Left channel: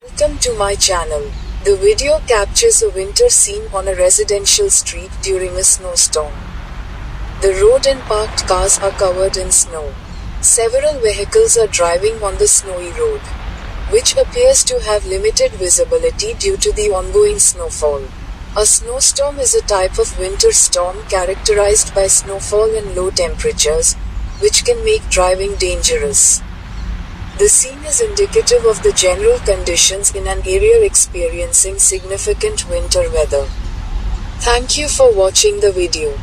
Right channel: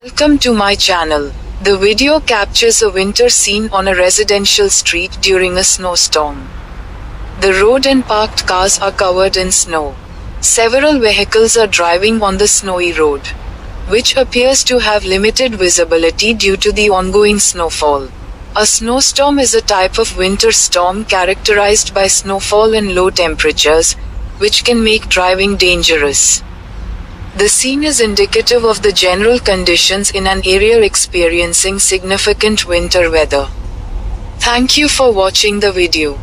Welcome to my channel. The video captures a winter scene on a residential street during a snowstorm. The road and parked cars are covered in snow. Several vehicles are driving on the snowy road, which appears to have limited visibility due to the ongoing snowfall. A snowstorm is a type of winter storm characterized by snowfall and low temperatures, which can make driving dangerous. The scene is indicative of the general conditions in an area experiencing significant winter weather. Thank you for watching the video.